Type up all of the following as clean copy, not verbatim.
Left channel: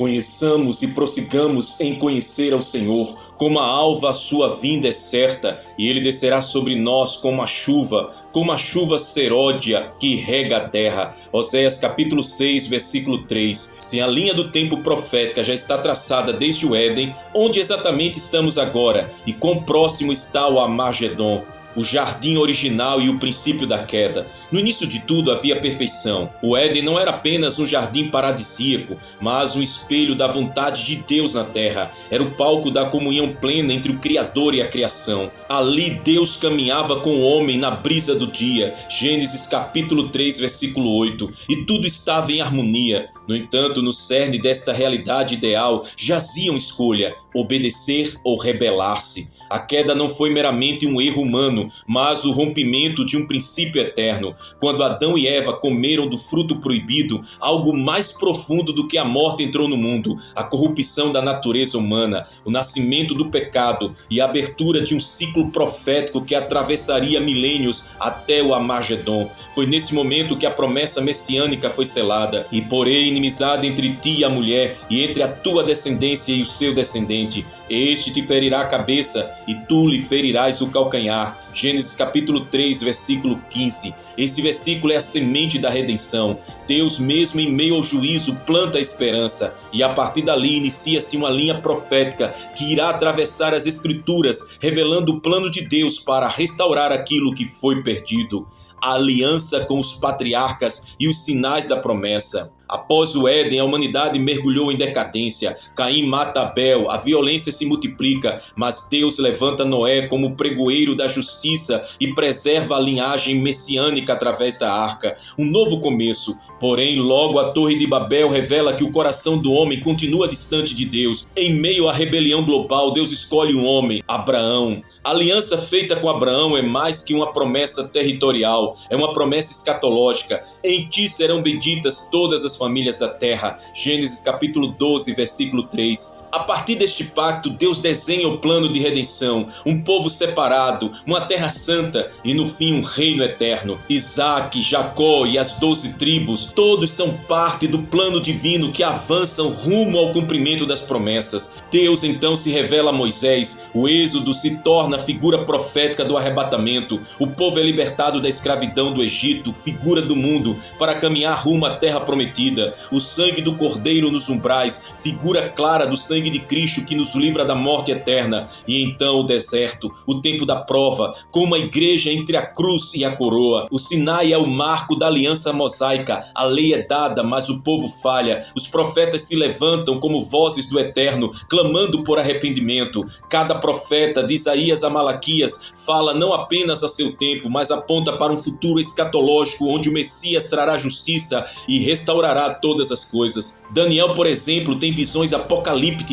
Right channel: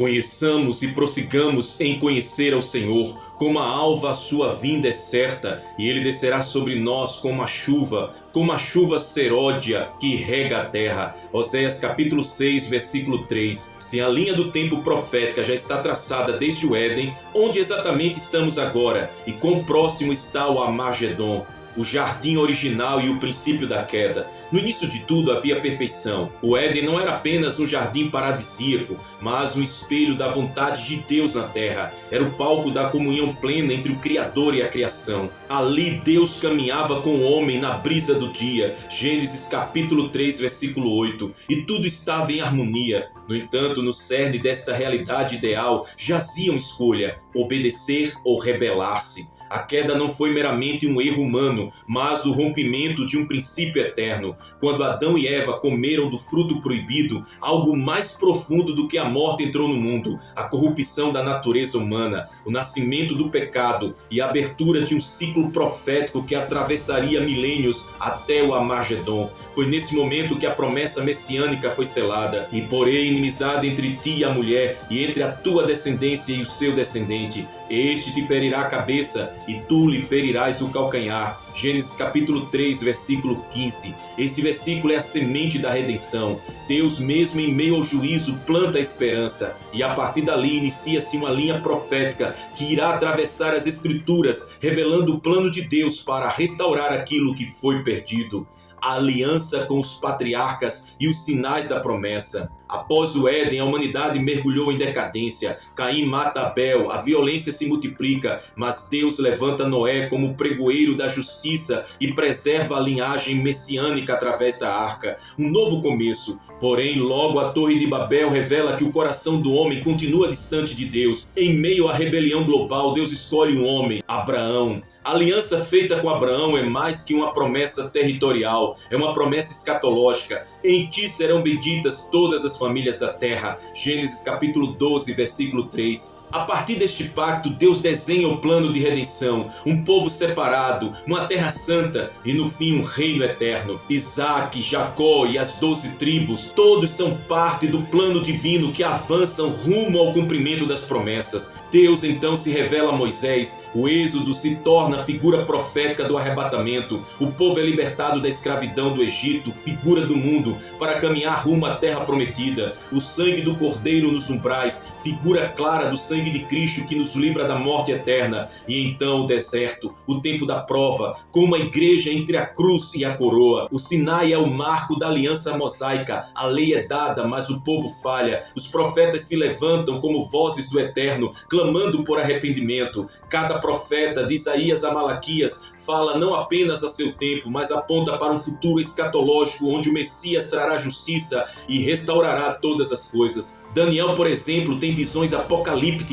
Conheçamos e prossigamos em conhecer ao Senhor. Como a alva a sua vinda é certa, e ele descerá sobre nós como a chuva seródia que rega a terra. Oséias capítulo 6, versículo 3. Se a linha do tempo profética já está traçada desde o Éden, onde exatamente estamos agora? E quão próximo está o Armagedon? O jardim original e o princípio da queda. No início de tudo havia perfeição. O Éden não era apenas um jardim paradisíaco, mas um espelho da vontade de Deus na terra. Era o palco da comunhão plena entre o Criador e a criação. Ali Deus caminhava com o homem na brisa do dia. Gênesis capítulo 3, versículo 8. E tudo estava em harmonia. No entanto, no cerne desta realidade ideal jazia uma escolha: obedecer ou rebelar-se. A queda não foi meramente um erro humano, mas o rompimento de um princípio eterno. Quando Adão e Eva comeram do fruto proibido, algo mais profundo do que a morte entrou no mundo: a corrupção da natureza humana, o nascimento do pecado e a abertura de um ciclo profético que atravessaria milênios até o Armagedon. Foi nesse momento que a promessa messiânica foi selada: e porém inimizade entre ti e a mulher, e entre a tua descendência e o seu descendente. Este te ferirá a cabeça, e tu lhe ferirás o calcanhar. Gênesis capítulo 3, versículo 15. Esse versículo é a semente da redenção. Deus mesmo em meio ao juízo planta a esperança, e a partir dali inicia-se uma linha profética que irá atravessar as escrituras, revelando o plano de Deus para restaurar aquilo que foi perdido. A aliança com os patriarcas e os sinais da promessa. Após o Éden, a humanidade mergulhou em decadência. Caim mata Abel, a violência se multiplica, mas Deus levanta Noé como pregoeiro da justiça e preserva a linhagem messiânica através da arca. Um novo começo. Porém, logo a Torre de Babel revela que o coração do homem continua distante de Deus. Em meio à rebelião global, Deus escolhe um homem, Abraão. A aliança feita com Abraão é mais que uma promessa territorial, é uma promessa escatológica. Em ti serão benditas todas as famílias da terra. Gênesis capítulo 12, versículo 3. A partir deste pacto, Deus desenha o plano de redenção, um povo separado, uma terra santa e no fim um reino eterno. Isaac, Jacó e as 12 tribos, todos são parte do plano divino que avançam rumo ao cumprimento das promessas. Deus então se revela a Moisés, o êxodo se torna a figura profética do arrebatamento, o povo é libertado da escravidão do Egito, figura do mundo, para caminhar rumo à terra prometida. O sangue do cordeiro nos umbrais, figura clara do sangue de Cristo que nos livra da morte eterna. E então o deserto, o tempo da prova, como a igreja entre a cruz e a coroa. O Sinai é o marco da aliança mosaica. A lei é dada, mas o povo falha. Os profetas se levantam como vozes do eterno, clamando por arrependimento. Cada profeta, de Isaías a Malaquias, fala não apenas a seu tempo, mas aponta para um futuro escatológico onde o Messias trará justiça e restaurará todas as coisas. Daniel, por exemplo, tem visões apocalípticas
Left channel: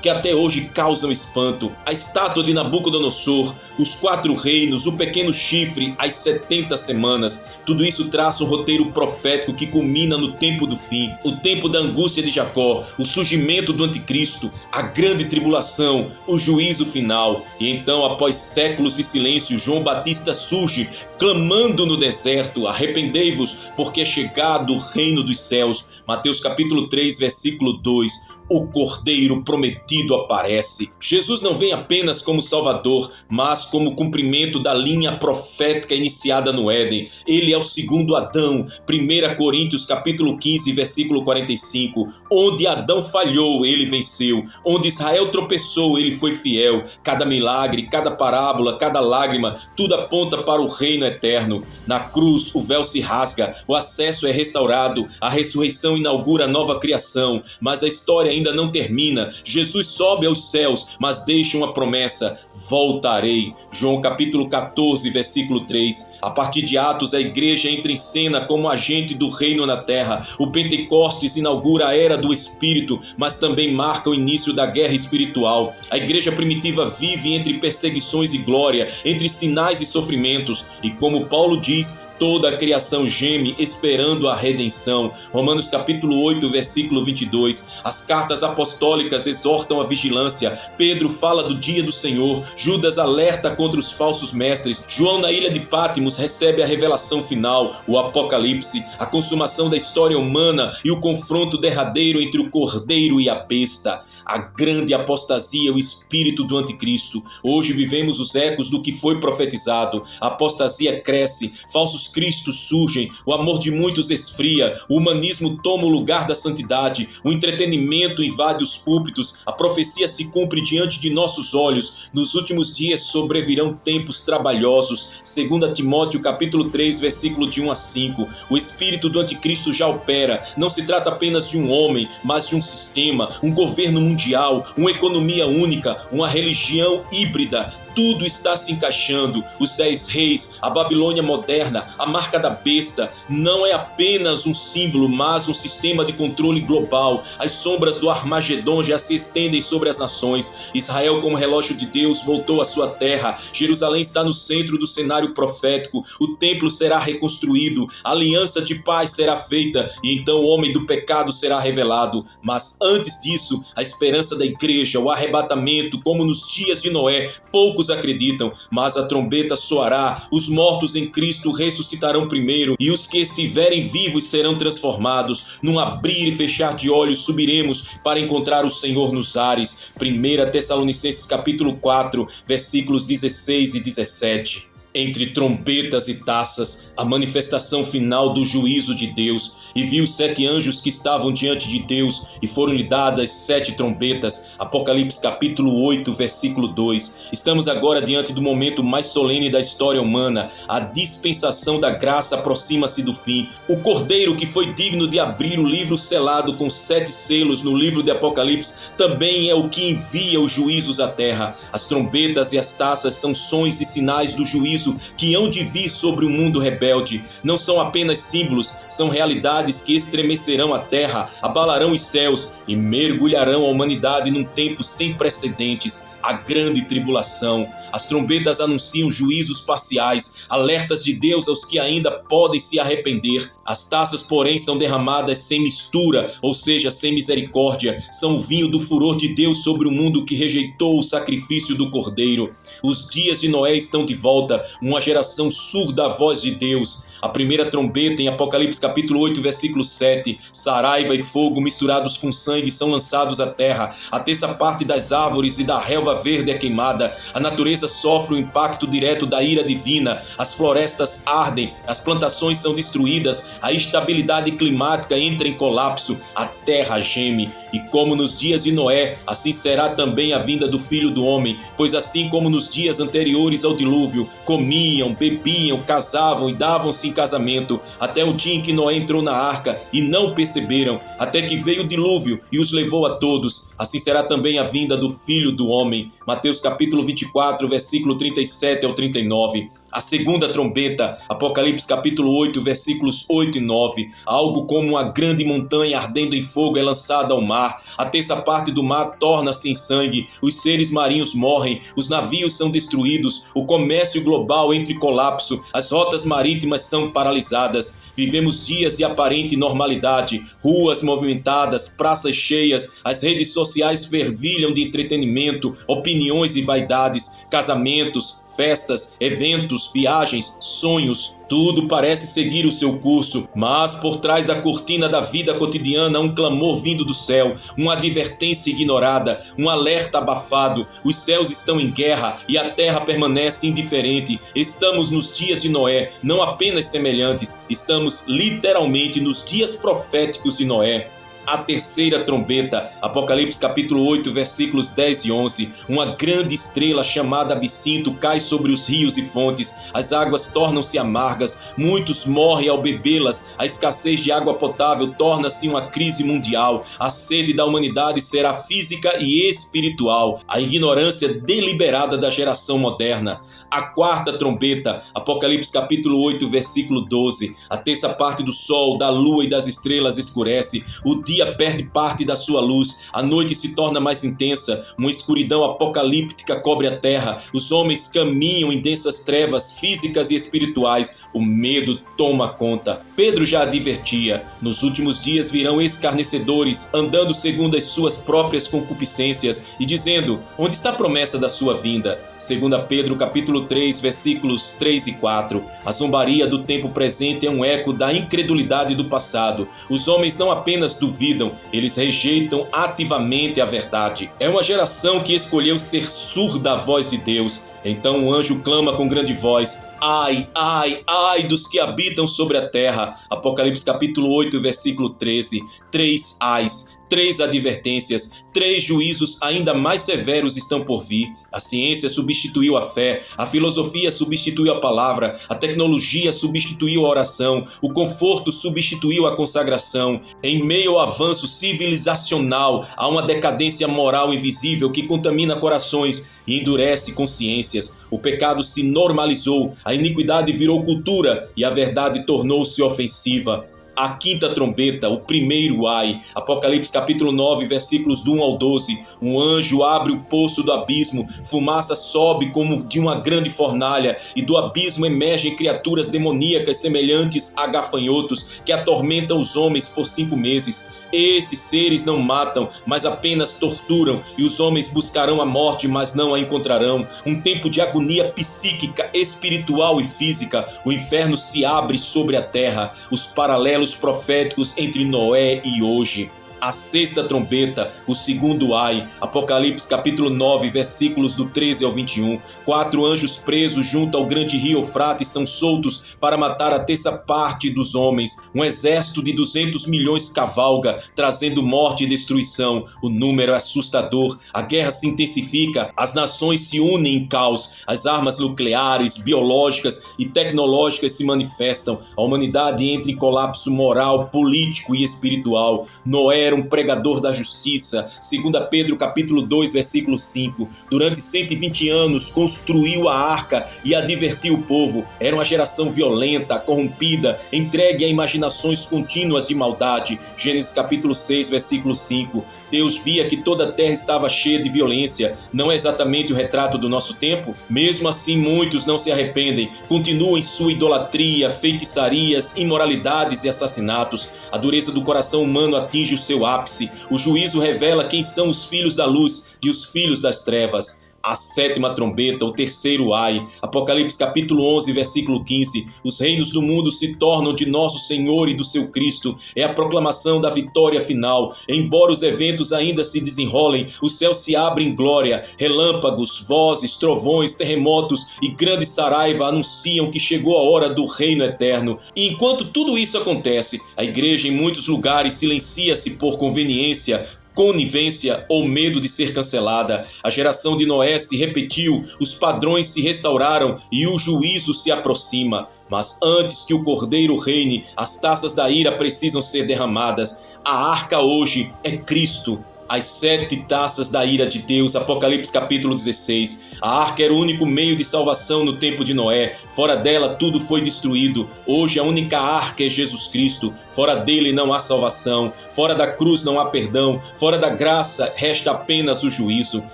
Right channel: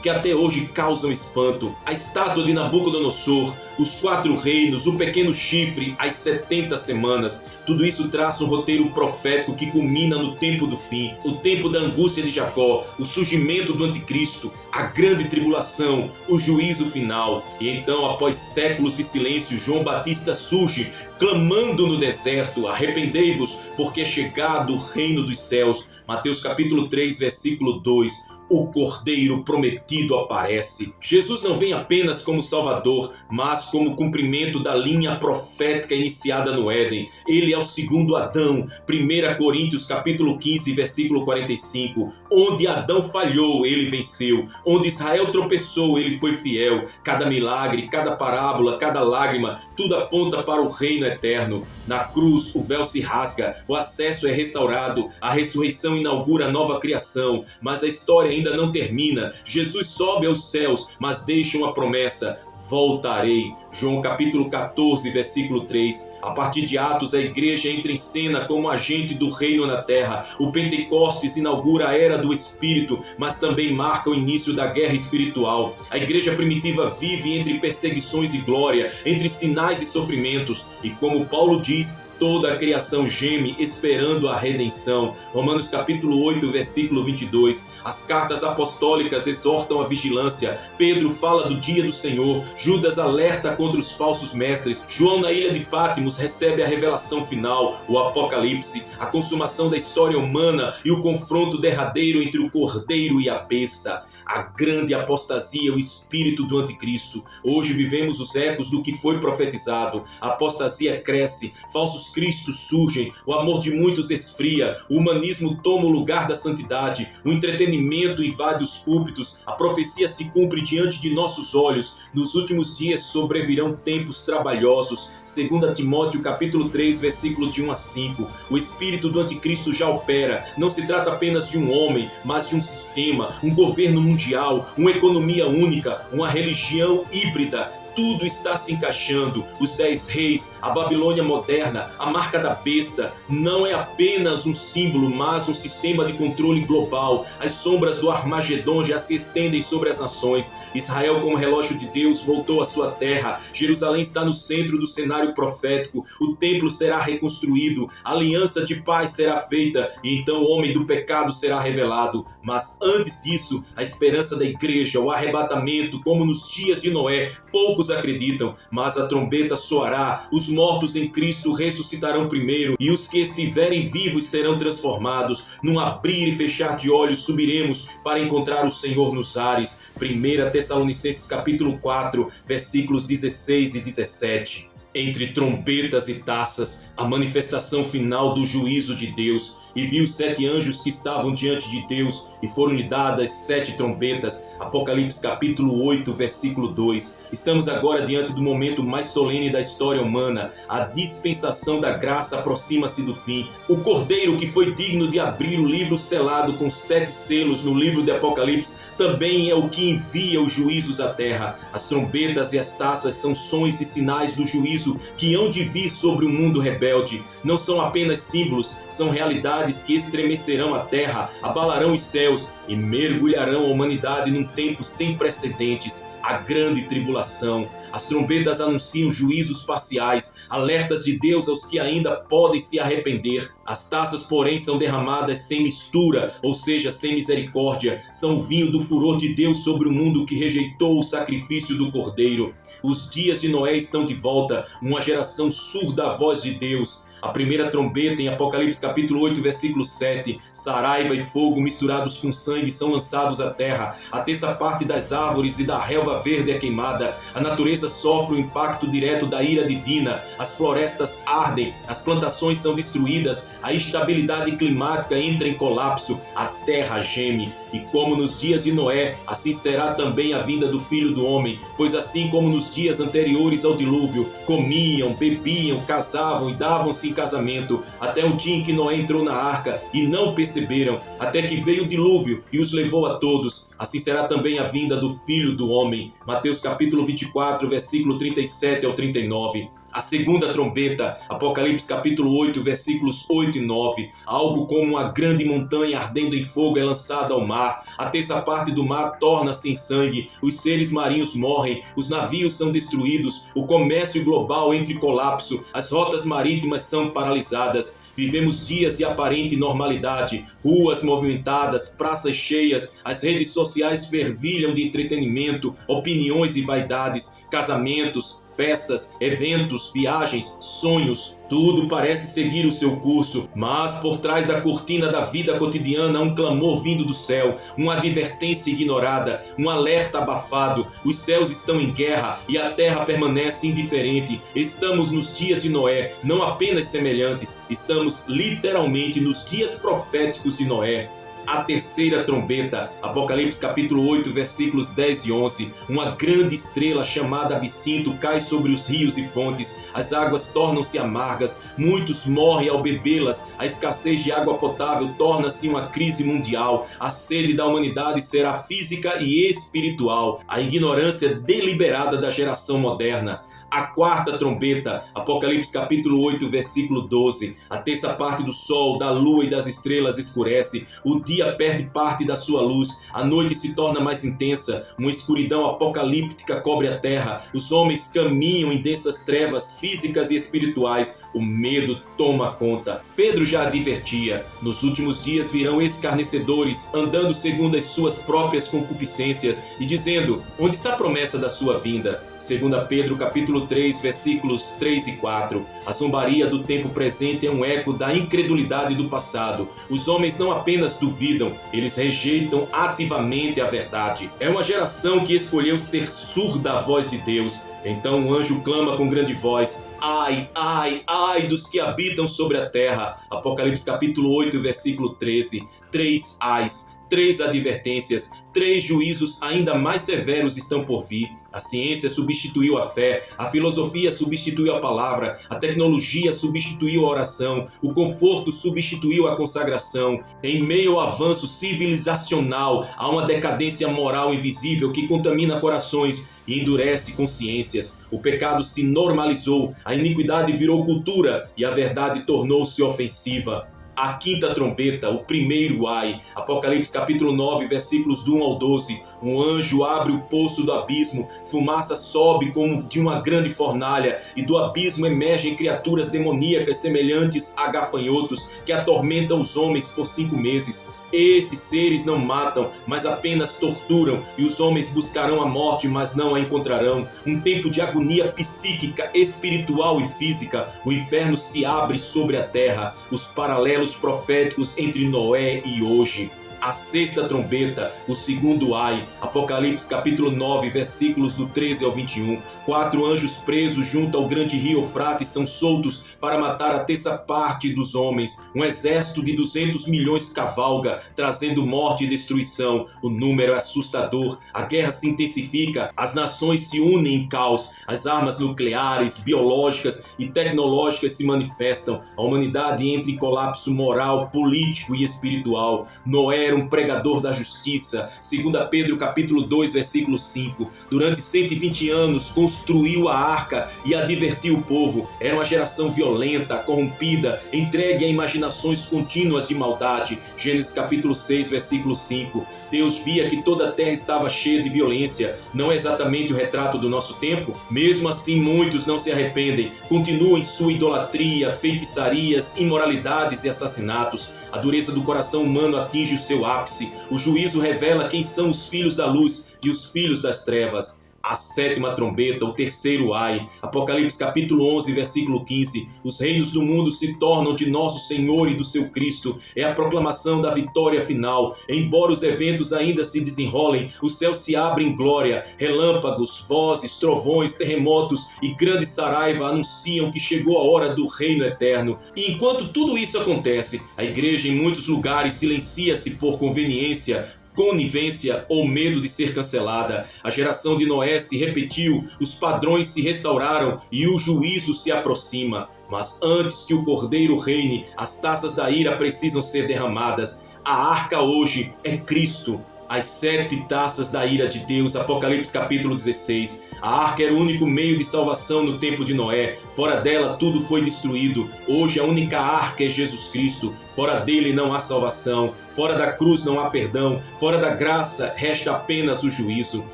que até hoje causam espanto. A estátua de Nabucodonosor, os 4 reinos, o pequeno chifre, as 70 semanas. Tudo isso traça um roteiro profético que culmina no tempo do fim, o tempo da angústia de Jacó, o surgimento do anticristo, a grande tribulação, o juízo final. E então, após séculos de silêncio, João Batista surge, clamando no deserto: arrependei-vos, porque é chegado o reino dos céus. Mateus capítulo 3, versículo 2. O Cordeiro prometido aparece. Jesus não vem apenas como Salvador, mas como cumprimento da linha profética iniciada no Éden. Ele é o segundo Adão. 1 Coríntios capítulo 15, versículo 45. Onde Adão falhou, ele venceu. Onde Israel tropeçou, ele foi fiel. Cada milagre, cada parábola, cada lágrima, tudo aponta para o reino eterno. Na cruz, o véu se rasga, o acesso é restaurado, a ressurreição inaugura a nova criação, mas a história ainda não termina. Jesus sobe aos céus, mas deixa uma promessa: voltarei. João capítulo 14, versículo 3. A partir de Atos, a igreja entra em cena como agente do reino na terra. O Pentecostes inaugura a era do Espírito, mas também marca o início da guerra espiritual. A igreja primitiva vive entre perseguições e glória, entre sinais e sofrimentos, e como Paulo diz, Toda a criação geme esperando a redenção. Romanos capítulo 8, versículo 22. As cartas apostólicas exortam a vigilância. Pedro fala do dia do Senhor. Judas alerta contra os falsos mestres. João, na ilha de Patmos, recebe a revelação final, o Apocalipse, a consumação da história humana e o confronto derradeiro entre o Cordeiro e a besta. A grande apostasia, o espírito do anticristo. Hoje vivemos os ecos do que foi profetizado. A apostasia cresce, falsos cristos surgem, o amor de muitos esfria, o humanismo toma o lugar da santidade, o entretenimento invade os púlpitos, a profecia se cumpre diante de nossos olhos. Nos últimos dias sobrevirão tempos trabalhosos. 2 Timóteo capítulo 3, versículo de 1 a 5. O espírito do anticristo já opera. Não se trata apenas de um homem, mas de um sistema, um governo mundial, uma economia única, uma religião híbrida. Tudo está se encaixando. Os 10 reis, a Babilônia moderna, a marca da besta, não é apenas um símbolo, mas um sistema de controle global. As sombras do Armagedon já se estendem sobre as nações. Israel, como relógio de Deus, voltou à sua terra. Jerusalém está no centro do cenário profético. O templo será reconstruído. A aliança de paz será feita. E então o homem do pecado será revelado. Mas antes disso, a esperança da igreja, o arrebatamento, como nos dias de Noé, poucos acreditam, mas a trombeta soará, os mortos em Cristo ressuscitarão primeiro, e os que estiverem vivos serão transformados. Num abrir e fechar de olhos subiremos para encontrar o Senhor nos ares. 1 Tessalonicenses capítulo 4, versículos 16 e 17. Entre trombetas e taças, a manifestação final do juízo de Deus. E vi os 7 anjos que estavam diante de Deus, e foram-lhe dadas 7 trombetas. Apocalipse capítulo 8, versículo 2. Estamos agora diante do momento mais solene da história humana. A dispensação da graça aproxima-se do fim. O Cordeiro, que foi digno de abrir o livro selado com 7 selos no livro de Apocalipse, também é o que envia os juízos à terra. As trombetas e as taças são sons e sinais do juízo que hão de vir sobre o mundo rebelde. Não são apenas símbolos, são realidades que estremecerão a terra, abalarão os céus e mergulharão a humanidade num tempo sem precedentes, a grande tribulação. As trombetas anunciam juízos parciais, alertas de Deus aos que ainda podem se arrepender. As taças, porém, são derramadas sem mistura, ou seja, sem misericórdia. São o vinho do furor de Deus sobre o mundo que rejeitou o sacrifício do Cordeiro. Os dias de Noé estão de volta, uma geração surda à voz de Deus. A primeira trombeta, em Apocalipse capítulo 8, versículo 7, saraiva e fogo misturados com sangue são lançados à terra. A terça parte das árvores e da relva verde é queimada. A natureza sofre o impacto direto da ira divina. As florestas ardem, as plantações são destruídas, a estabilidade climática entra em colapso, a terra geme. E como nos dias de Noé, assim será também a vinda do Filho do Homem, pois assim como nos dias anteriores ao dilúvio, comiam, bebiam, casavam e davam-se em casamento, até o dia em que Noé entrou na arca e não perceberam, até que veio o dilúvio e os levou a todos. Assim será também a vinda do Filho do Homem. Mateus capítulo 24, versículo 37 ao 39. A segunda trombeta, Apocalipse capítulo 8, versículos 8 e 9. Algo como uma grande montanha ardendo em fogo é lançada ao mar. A terça parte do mar torna-se em sangue. Os seres marinhos morrem. Os navios são destruídos. O comércio global entra em colapso. As rotas marítimas são paralisadas. Vivemos dias de aparente normalidade. Ruas movimentadas, praças cheias. As redes sociais fervilham de entretenimento, opiniões e vaidades. Casamentos, festas, eventos, viagens, sonhos, tudo parece seguir o seu curso, mas por trás da cortina da vida cotidiana há um clamor vindo do céu, uma advertência ignorada, um alerta abafado. Os céus estão em guerra e a terra permanece indiferente. Estamos nos dias de Noé, não apenas semelhantes, estamos literalmente nos dias proféticos de Noé. A terceira trombeta, Apocalipse capítulo 8, versículos 10 e 11. Uma grande estrela chamada Absinto cai sobre os rios e fontes. As águas tornam-se amargas, muitos morrem ao bebê-las. A escassez de água potável torna-se uma crise mundial. A sede da humanidade será física e espiritual. A ignorância deliberada da geração moderna. A quarta trombeta, Apocalipse capítulo 8, versículo 12. A terça parte do sol, da lua e das estrelas escurece. O dia dia perde parte da sua luz, a noite se torna mais intensa, uma escuridão apocalíptica cobre a terra, os homens caminham em densas trevas físicas e espirituais, o medo toma conta. Pedro já advertia: nos últimos dias virão escarnecedores, andando segundo as suas próprias concupiscências e dizendo: onde está a promessa da sua vinda? 2 Pedro capítulo 3, versículos 3 e 4. A zombaria do tempo presente é um eco da incredulidade do passado. Os homens não apenas duvidam, eles rejeitam ativamente a verdade. É uma geração que escolheu ser surda à voz de Deus. Então o anjo clama com grande voz: ai, ai, ai dos que habitam sobre a terra. Apocalipse capítulo 8, versículo 13. 3 ais. 3 advertências, 3 juízos ainda mais severos estão por vir. A ciência substituiu a fé, a filosofia substituiu a palavra, a tecnologia substituiu a oração, o conforto substituiu a consagração. Em meio ao avanço civilizacional, há uma decadência moral invisível que contamina corações e endurece consciências. O pecado se normalizou, a iniquidade virou cultura e a verdade tornou-se ofensiva. A quinta trombeta, o primeiro ai. Apocalipse capítulo 9, versículos do 1 ao 12. Um anjo abre o poço do abismo, fumaça sobe como de uma grande fornalha, e do abismo emergem criaturas demoníacas semelhantes a gafanhotos, que atormentam os homens por 5 meses. Esses seres não matam, mas apenas torturam, e os homens buscarão a morte, mas não a encontrarão. Um tempo de agonia psíquica, espiritual e física. O inferno se abre sobre a terra. Os paralelos proféticos entre Noé e hoje. A sexta trombeta, o segundo ai. Apocalipse capítulo 9, versículos do 13 ao 21. 4 anjos presos junto ao grande rio Eufrates são soltos para matar a terça parte dos homens. Um exército de 200 milhões cavalga, trazendo morte e destruição. O número é assustador. A guerra se intensifica, as nações se unem em caos. As armas nucleares, biológicas e tecnológicas se manifestam. A humanidade entra em colapso moral, político e espiritual. Noé era um pregador da justiça. 2 Pedro capítulo 2, versículo 5. Durante 120 anos construiu a arca e advertiu o povo. Era uma geração violenta, corrompida, entregue a imaginações contínuas de maldade. Gênesis capítulo 6, versículo 5. Deus via que toda a terra estava cheia de violência. Não é exatamente o retrato do nosso tempo? Mesmo assim, muitos não se arrependem. Continuam em sua idolatria, feitiçarias, imoralidades e assassinatos. A dureza do coração humano atinge o seu ápice. O juízo revela quem são os filhos da luz e os filhos das trevas. A sétima trombeta, o terceiro ai. Apocalipse capítulo 11, versículo 15. Os reinos do mundo se tornam de nosso Senhor e do seu Cristo. É a proclamação da vitória final. Embora os eventos ainda se desenrolem, o céu se abre em glória. Relâmpagos, vozes, trovões, terremotos e grande saraiva anunciam que chegou a hora do reino eterno. E enquanto tudo isso acontece, a igreja em muitos lugares silencia-se por conveniência, conivência ou medo de ser cancelada. A geração de Noé se repetiu, os padrões se restauraram e o juízo se aproxima. Mas antes que o Cordeiro reine, as taças da ira precisam ser derramadas. A arca hoje é Cristo. As 7 taças da ira de Deus, Apocalipse capítulo 16. A arca era o único meio de salvação no tempo de Noé. Fora dela tudo foi destruído. Hoje a única arca é Jesus Cristo. Fora dele não há salvação. Fora da cruz não há perdão. Fora da graça resta apenas o juízo.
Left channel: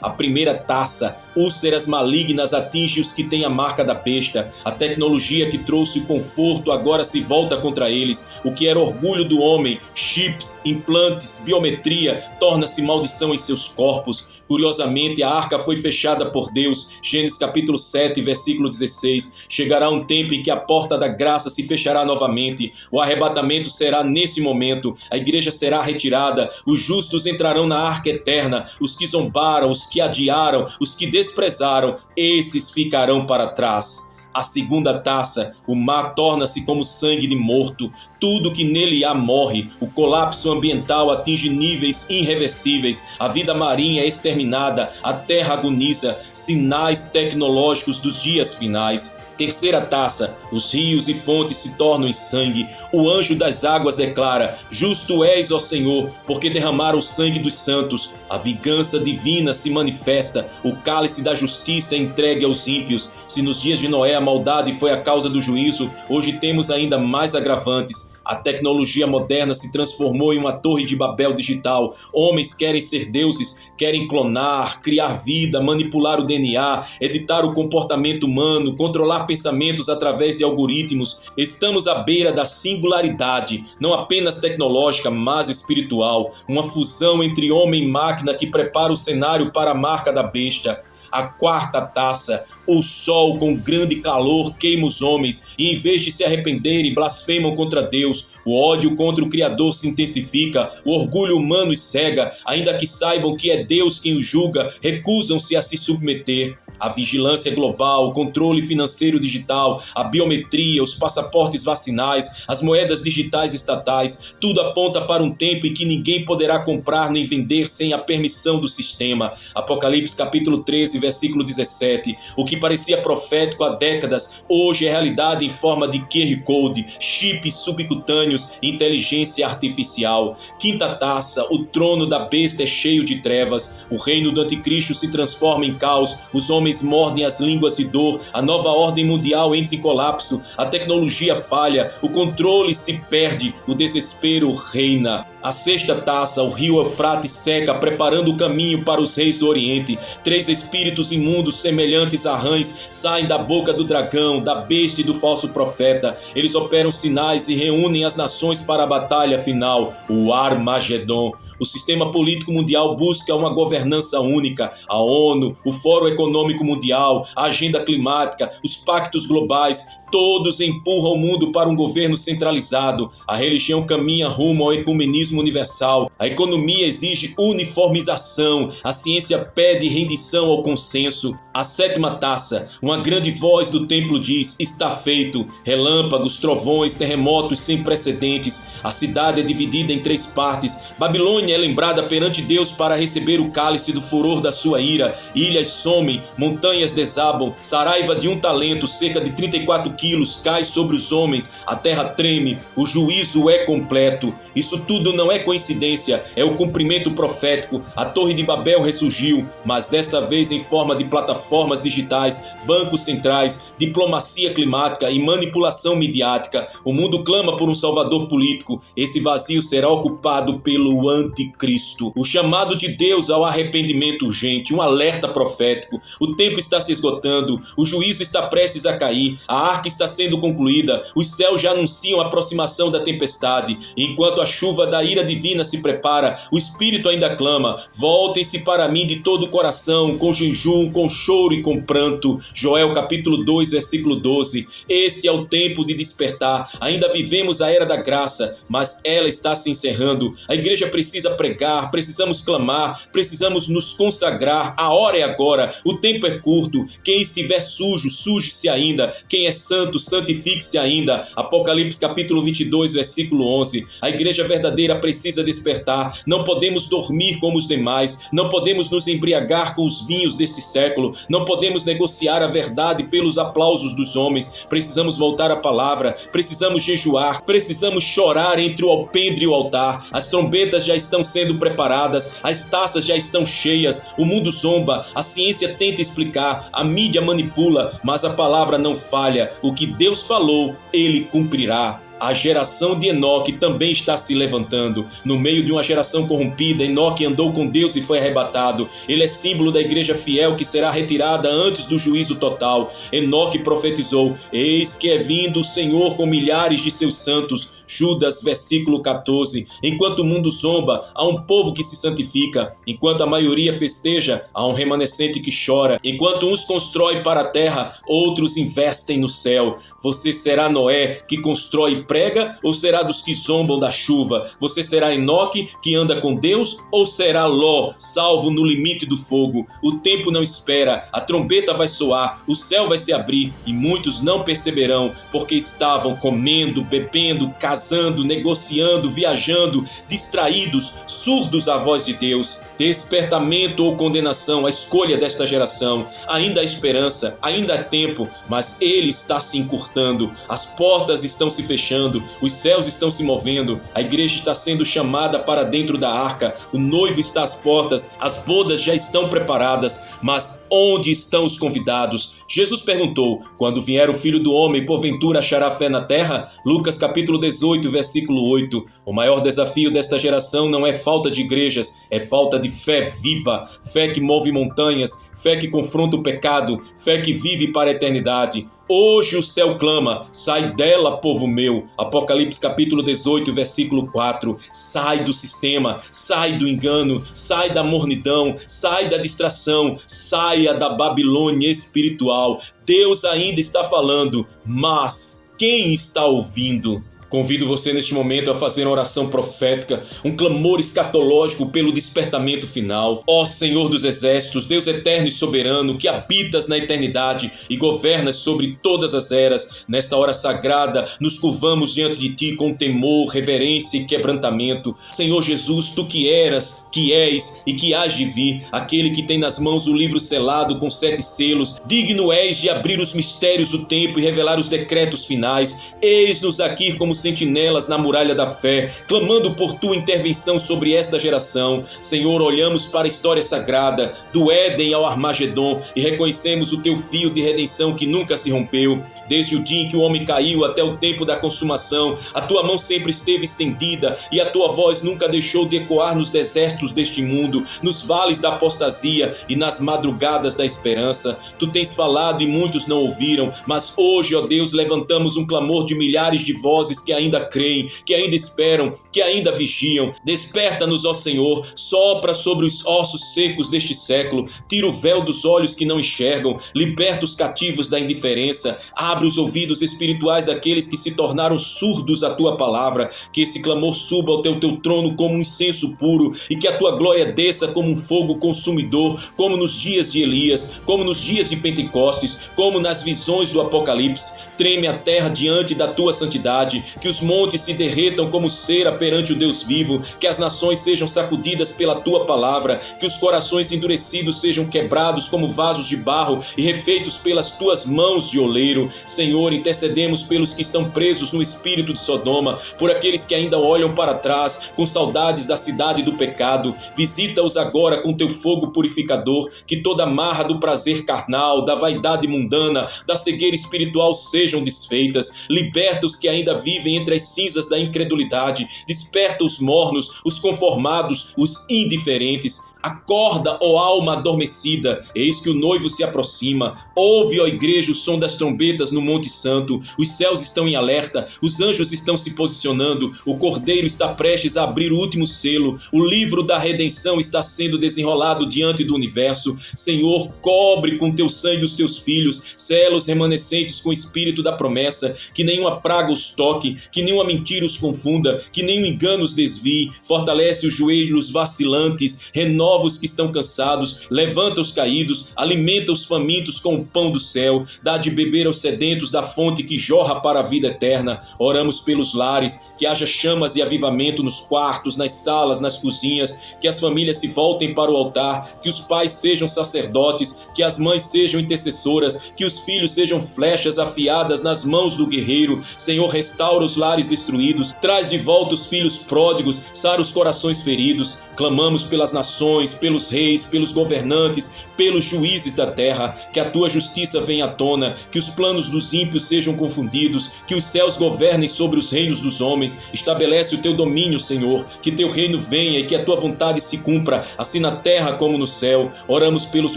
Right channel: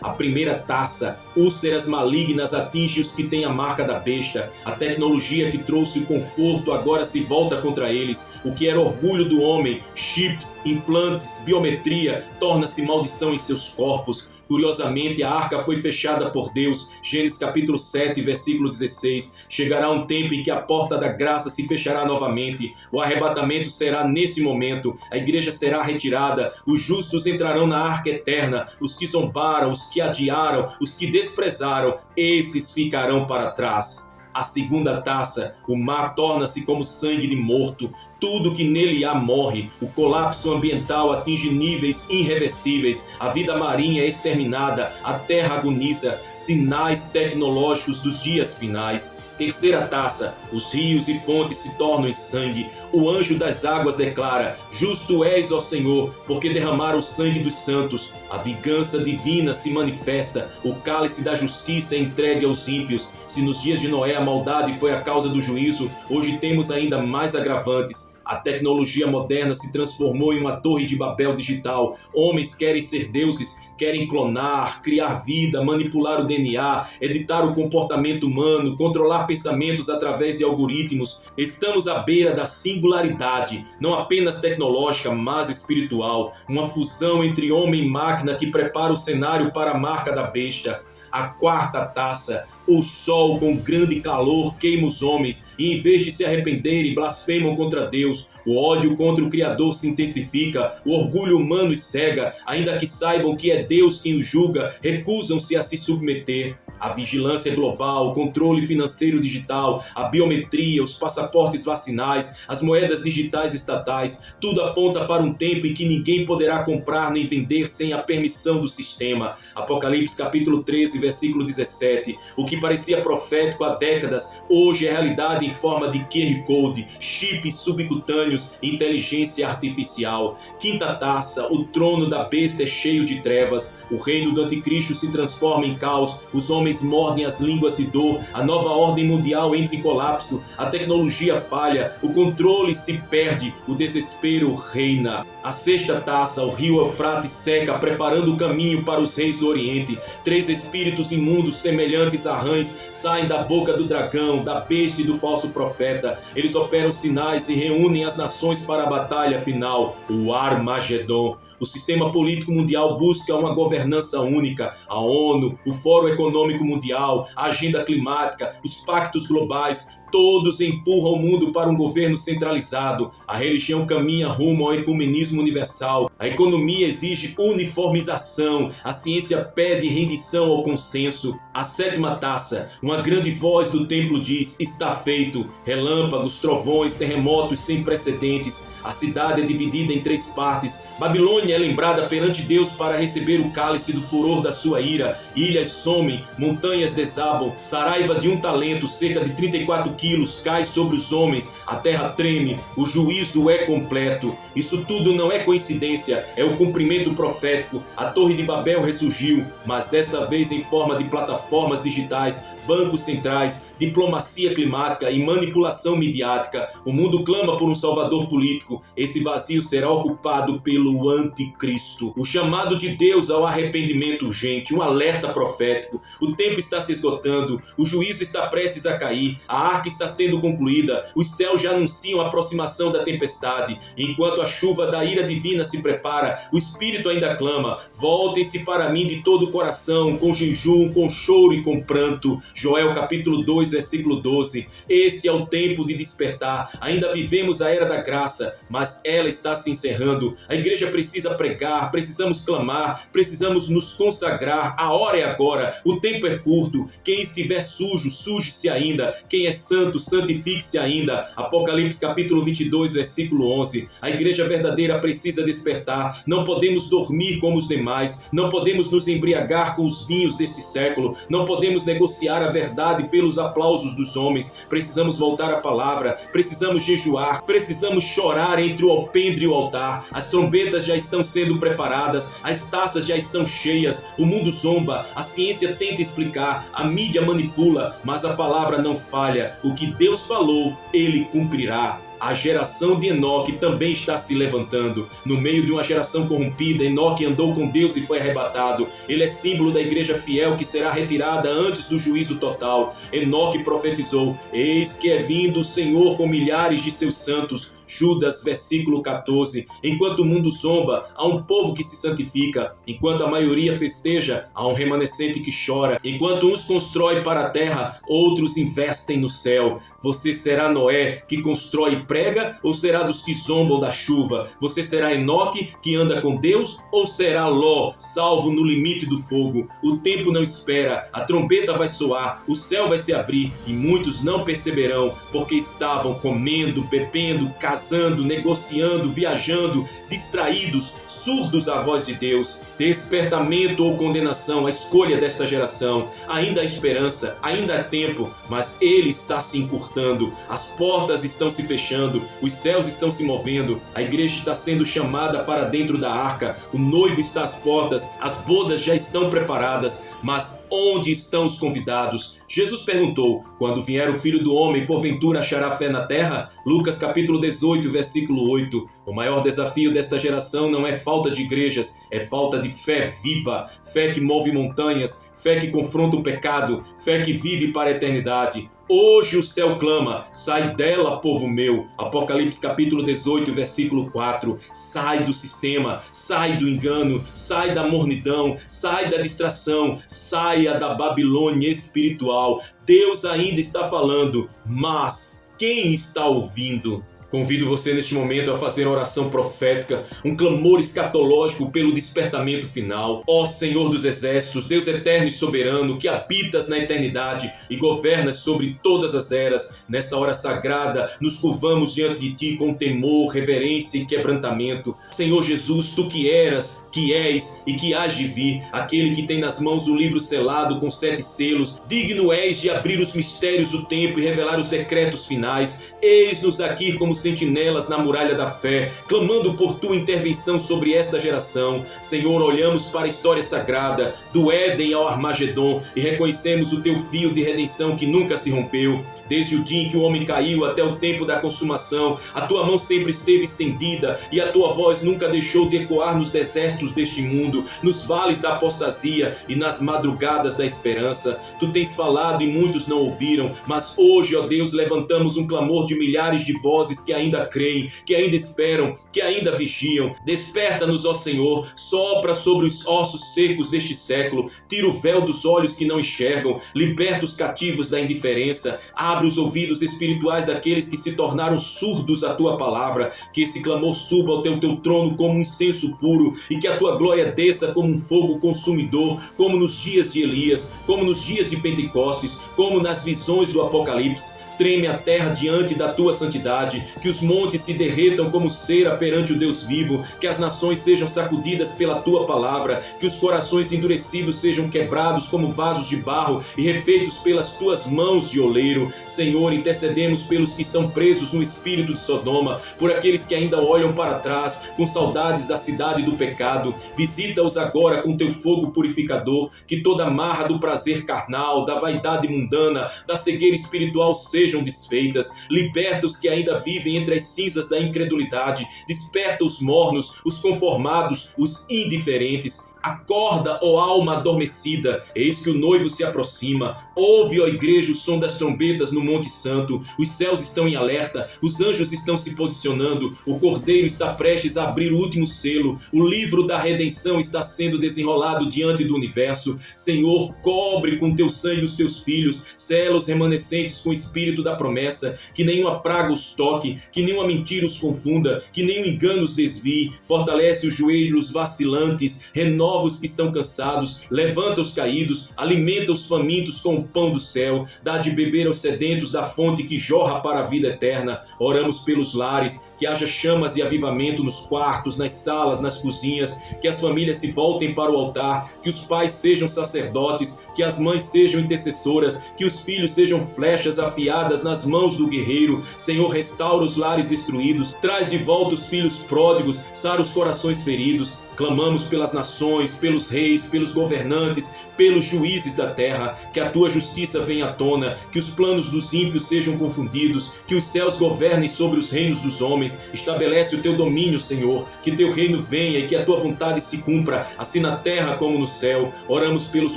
A primeira taça, úlceras malignas, atinge os que têm a marca da besta. A tecnologia que trouxe o conforto agora se volta contra eles. O que era orgulho do homem, chips, implantes, biometria, torna-se maldição em seus corpos. Curiosamente, a arca foi fechada por Deus. Gênesis capítulo 7, versículo 16. Chegará um tempo em que a porta da graça se fechará novamente. O arrebatamento será nesse momento. A igreja será retirada. Os justos entrarão na arca eterna. Os que zombaram, os que adiaram, os que desprezaram, esses ficarão para trás. A segunda taça, o mar torna-se como sangue de morto. Tudo que nele há morre. O colapso ambiental atinge níveis irreversíveis. A vida marinha é exterminada. A terra agoniza. Sinais tecnológicos dos dias finais. Terceira taça, os rios e fontes se tornam em sangue. O anjo das águas declara: justo és, ó Senhor, porque derramaram o sangue dos santos. A vingança divina se manifesta. O cálice da justiça é entregue aos ímpios. Se nos dias de Noé a maldade foi a causa do juízo, hoje temos ainda mais agravantes. A tecnologia moderna se transformou em uma torre de Babel digital. Homens querem ser deuses, querem clonar, criar vida, manipular o DNA, editar o comportamento humano, controlar pensamentos através de algoritmos. Estamos à beira da singularidade, não apenas tecnológica, mas espiritual. Uma fusão entre homem e máquina que prepara o cenário para a marca da besta. A quarta taça, o sol com grande calor queima os homens e em vez de se arrependerem, blasfemam contra Deus. O ódio contra o Criador se intensifica, o orgulho humano os cega, ainda que saibam que é Deus quem os julga, recusam-se a se submeter. A vigilância global, o controle financeiro digital, a biometria, os passaportes vacinais, as moedas digitais estatais, tudo aponta para um tempo em que ninguém poderá comprar nem vender sem a permissão do sistema. Apocalipse capítulo 13, versículo 17. O que parecia profético há décadas, hoje é realidade em forma de QR Code, chips subcutâneos e inteligência artificial. Quinta taça, o trono da besta é cheio de trevas, o reino do anticristo se transforma em caos, os homens mordem as línguas de dor, a nova ordem mundial entra em colapso, a tecnologia falha, o controle se perde, o desespero reina. A sexta taça, o rio Eufrates seca, preparando o caminho para os reis do Oriente. 3 espíritos imundos semelhantes a rãs saem da boca do dragão, da besta e do falso profeta. Eles operam sinais e reúnem as nações para a batalha final, o Armagedon. O sistema político mundial busca uma governança única. A ONU, o Fórum Econômico Mundial, a Agenda Climática, os pactos globais, todos empurram o mundo para um governo centralizado. A religião caminha rumo ao ecumenismo universal. A economia exige uniformização. A ciência pede rendição ao consenso. A sétima taça, uma grande voz do templo diz: está feito. Relâmpagos, trovões, terremotos sem precedentes. A cidade é dividida em 3 partes. Babilônia é lembrada perante Deus para receber o cálice do furor da sua ira. Ilhas somem, montanhas desabam. Saraiva de um talento, cerca de 34 quilos, cai sobre os homens. A terra treme, o juízo é completo. Isso tudo não é coincidência, é o cumprimento profético. A Torre de Babel ressurgiu, mas desta vez em forma de plataformas digitais, bancos centrais, diplomacia climática e manipulação midiática. O mundo clama por um salvador político. Esse vazio será ocupado pelo anticristo. O chamado de Deus ao arrependimento urgente, um alerta profético. O tempo está se esgotando, o juízo está prestes a cair, a arca está sendo concluída, os céus já anunciam a aproximação da tempestade. Enquanto a chuva da ira divina se prepara, o Espírito ainda clama: voltem-se para mim de todo o coração, com jejum, com choro e com pranto. Joel capítulo 2, versículo 12. Este é o tempo de despertar. Ainda vivemos a era da graça, mas ela está se encerrando. A igreja precisa pregar, precisamos clamar, precisamos nos consagrar. A hora é agora, o tempo é curto. Quem estiver sujo, suje-se ainda. Quem é santo, santifique-se ainda. Apocalipse capítulo 22, versículo 11. A igreja verdadeira precisa despertar. Não podemos dormir como os demais. Não podemos nos embriagar com os vinhos deste século. Não podemos negociar a verdade pelos aplausos dos homens. Precisamos voltar à palavra. Precisamos jejuar. Precisamos chorar entre o alpendre e o altar. As trombetas já estão sendo preparadas. As taças já estão cheias. O mundo zomba. A ciência tenta explicar. A mídia manipula. Mas a palavra não falha. O que Deus falou, Ele cumprirá. A geração de Enoque também está se levantando. No meio de uma geração corrompida, Enoque andou com Deus e foi arrebatado. Ele é símbolo da igreja fiel que será retirada antes do juízo total. Enoque profetizou: eis que é vindo o Senhor com milhares de seus santos. Judas, versículo 14. Enquanto o mundo zomba, há um povo que se santifica. Enquanto a maioria festeja, há um remanescente que chora. Enquanto uns constroem para a terra, outros investem no céu. Você será Noé, que constrói e prega, ou será dos que zombam da chuva? Você será Enoque, que anda com Deus, ou será Ló, salvo no limite do fogo? O tempo não espera, a trombeta vai soar, o céu vai se abrir, e muitos não perceberão, porque estavam comendo, bebendo, casando, negociando, viajando, distraídos, surdos à voz de Deus. Despertamento ou condenação, a escolha desta geração. Ainda há esperança, ainda há tempo, mas ele está se encurtando. As portas estão se fechando, os céus estão se movendo, a igreja está sendo chamada para dentro da arca, o noivo está às portas, as bodas já estão preparadas, mas onde estão os convidados? Jesus perguntou: quando vier o Filho do Homem, porventura achará fé na terra? Lucas capítulo 18, 18, versículo 8. O maior desafio desta geração não é falta de igrejas, é falta de fé viva, fé que move montanhas, fé que confronta o pecado, fé que vive para a eternidade. Hoje o céu clama, sai dela, povo meu. Apocalipse capítulo 18, versículo 4. Sai do sistema, sai do engano, sai da mornidão, sai da distração, saia da Babilônia espiritual. Deus ainda está falando, mas quem está ouvindo? Convido você neste momento a fazer uma oração profética, um clamor escatológico pelo despertamento final. Ó Senhor dos Exércitos, Deus eterno e soberano, que habitas na eternidade e governas sobre todas as eras, nesta hora sagrada, nos curvamos diante de Ti com temor, reverência e quebrantamento. Senhor Jesus, Tu que eras, que és e que hás de vir, aquele que tem nas mãos o livro selado com 7 selos, digno és de abrir os mistérios do tempo e revelar os decretos finais. Eis-nos aqui como sentinelas na muralha da fé, clamando por Tua intervenção sobre esta geração. Senhor, olhamos para a história sagrada, do Éden ao Armagedon, e reconhecemos o Teu fio de redenção que nunca se rompeu. Desde o dia em que o homem caiu até o tempo da consumação, a Tua mão sempre esteve estendida e a Tua voz nunca deixou de ecoar nos desertos deste mundo, nos vales da apostasia e nas madrugadas da esperança. Tu tens falado e muitos não ouviram, mas hoje, ó Deus, levantamos um clamor de milhares de vozes que ainda creem, que ainda esperam, que ainda vigiam. Desperta-nos, ó Senhor, sopra sobre os ossos secos deste século, tira o véu dos olhos que não enxergam, liberta os cativos da indiferença, abre os ouvidos espirituais daqueles que se tornaram surdos à Tua palavra, que esse clamor suba ao Teu trono como um incenso puro e que a Tua glória desça como um fogo consumidor, como nos dias de Elias, como nos dias de Pentecostes, como nas visões do Apocalipse. Treme a terra diante da Tua santidade, que os montes se derretam como cera perante o Deus vivo, que as nações sejam sacudidas pela Tua palavra, que os corações endurecidos sejam quebrados como vasos de barro e refeitos pelas Tuas mãos de oleiro. Senhor, intercedemos pelos que estão presos no espírito de Sodoma, por aqueles que ainda olham para trás com saudades da cidade do pecado. Visita-os agora com Teu fogo purificador, que toda amarra do prazer carnal, da vaidade mundana, da cegueira espiritual sejam desfeitas. Liberta os que ainda vivem entre as cinzas da incredulidade. Desperta os mornos, os conformados, os indiferentes. Acorda, ó alma adormecida, eis que o noivo se aproxima. Ouve, ó igreja, o som das trombetas no Monte Santo. Os céus estão em alerta, os anjos estão se posicionando, o Cordeiro está prestes a abrir o último selo, o livro da redenção está sendo desenrolado diante do universo. Senhor, cobre com Teu sangue os Teus filhos, sela os remanescentes com o espírito da promessa, que nenhuma praga os toque, que nenhuma mentira os confunda, que nenhum engano os desvie. Fortalece os joelhos vacilantes, renova os que estão cansados, levanta os caídos, alimenta os famintos com o pão do céu, dá de beber aos sedentos da fonte que jorra para a vida eterna. Oramos pelos lares, que haja chamas e avivamento nos quartos, nas salas, nas cozinhas, que as famílias se voltem para o altar, que os pais sejam sacerdotes, que as mães sejam intercessoras, que os filhos sejam flechas afiadas nas mãos do guerreiro. Senhor, restaura os lares destruídos, traz de volta os filhos pródigos, sara os corações feridos. Clamamos pelas nações, pelos reis, pelos governantes, pelos juízes da terra, que a Tua justiça venha à tona, que os planos dos ímpios sejam confundidos, que os céus governem sobre os reinos dos homens. Estabelece o Teu domínio, Senhor, que Teu reino venha e que a Tua vontade se cumpra, assim na terra como no céu. Oramos pelos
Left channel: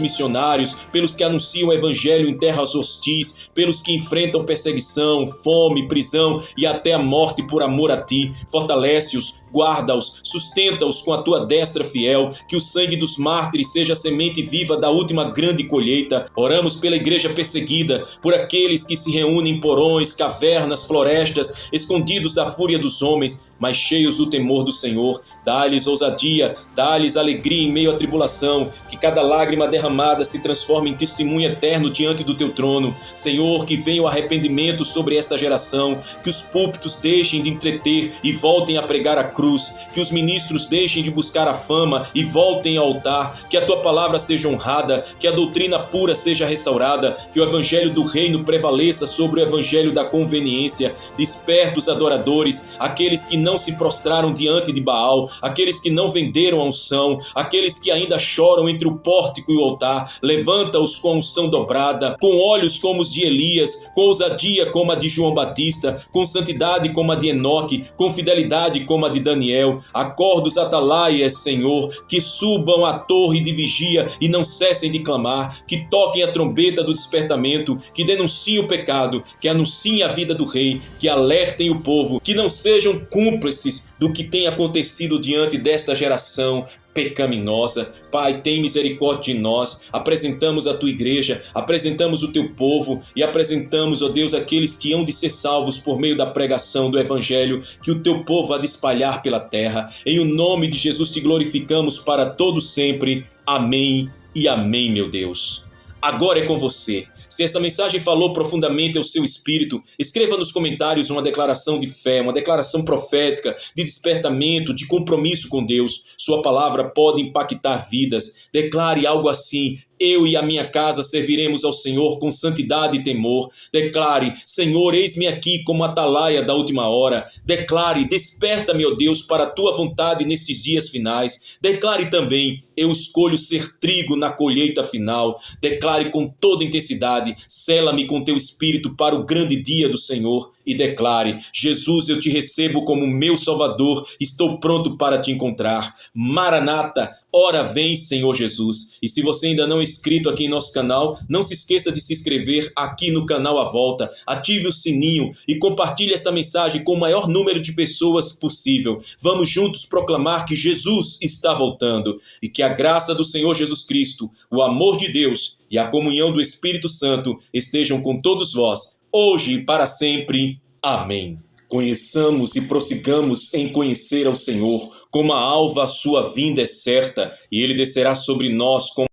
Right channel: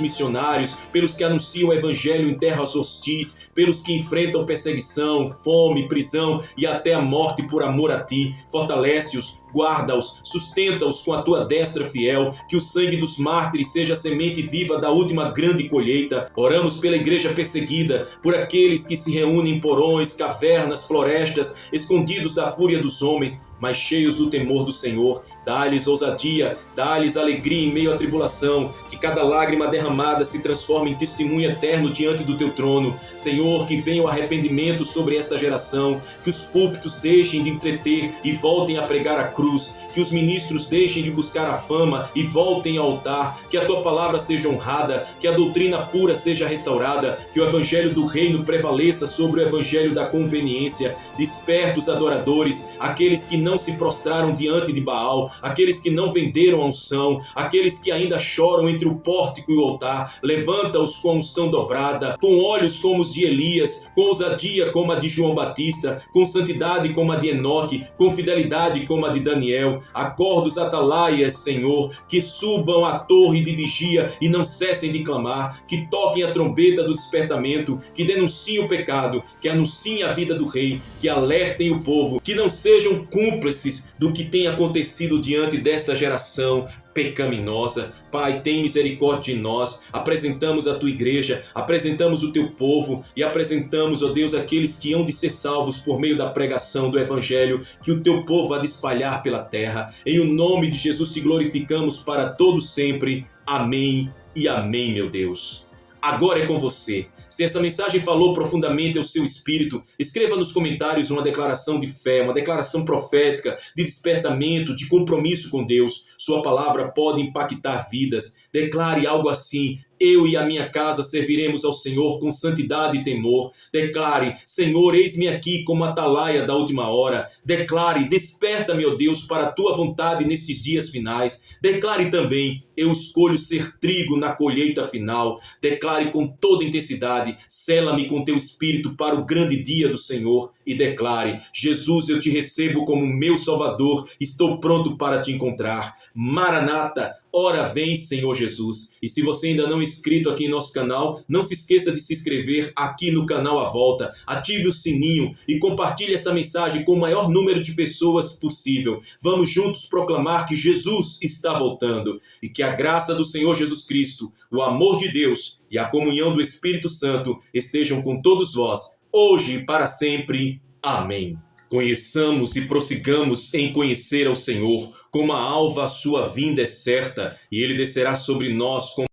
missionários, pelos que anunciam o evangelho em terras hostis, pelos que enfrentam perseguição, fome, prisão e até a morte por amor a Ti. Fortalece-os, guarda-os, sustenta-os com a Tua destra fiel, que o sangue dos mártires seja a semente viva da última grande colheita. Oramos pela igreja perseguida, por aqueles que se reúnem em porões, cavernas, florestas, escondidos da fúria dos homens, mas cheios do temor do Senhor. Dá-lhes ousadia, dá-lhes alegria em meio à tribulação, que cada lágrima derramada se transforme em testemunho eterno diante do Teu trono. Senhor, que venha o arrependimento sobre esta geração, que os púlpitos deixem de entreter e voltem a pregar a cruz, que os ministros deixem de buscar a fama e voltem ao altar, que a Tua palavra seja honrada, que a doutrina pura seja restaurada, que o evangelho do reino prevaleça sobre o evangelho da conveniência. Desperta os adoradores, aqueles que não não se prostraram diante de Baal, aqueles que não venderam a unção, aqueles que ainda choram entre o pórtico e o altar, levanta-os com unção dobrada, com olhos como os de Elias, com ousadia como a de João Batista, com santidade como a de Enoque, com fidelidade como a de Daniel. Acorda os atalaias, Senhor, que subam à torre de vigia e não cessem de clamar, que toquem a trombeta do despertamento, que denunciem o pecado, que anunciem a vida do rei, que alertem o povo, que não sejam cúmplices do que tem acontecido diante desta geração pecaminosa. Pai, tem misericórdia de nós. Apresentamos a tua igreja, apresentamos o teu povo e apresentamos, ó Deus, aqueles que hão de ser salvos por meio da pregação do evangelho que o teu povo há de espalhar pela terra. Em o nome de Jesus te glorificamos para todo sempre. Amém e amém, meu Deus. Agora é com você. Se essa mensagem falou profundamente ao seu espírito, escreva nos comentários uma declaração de fé, uma declaração profética, de despertamento, de compromisso com Deus. Sua palavra pode impactar vidas. Declare algo assim: eu e a minha casa serviremos ao Senhor com santidade e temor. Declare: Senhor, eis-me aqui como atalaia da última hora. Declare: desperta-me, ó Deus, para a tua vontade nesses dias finais. Declare também: eu escolho ser trigo na colheita final. Declare com toda intensidade: sela-me com teu espírito para o grande dia do Senhor. E declare: Jesus, eu te recebo como meu Salvador, estou pronto para te encontrar. Maranata, ora vem, Senhor Jesus. E se você ainda não é inscrito aqui em nosso canal, não se esqueça de se inscrever aqui no canal à volta, ative o sininho e compartilhe essa mensagem com o maior número de pessoas possível. Vamos juntos proclamar que Jesus está voltando e que a graça do Senhor Jesus Cristo, o amor de Deus e a comunhão do Espírito Santo estejam com todos vós, hoje e para sempre. Amém. Conheçamos e prossigamos em conhecer ao Senhor, como a alva a sua vinda é certa, e ele descerá sobre nós como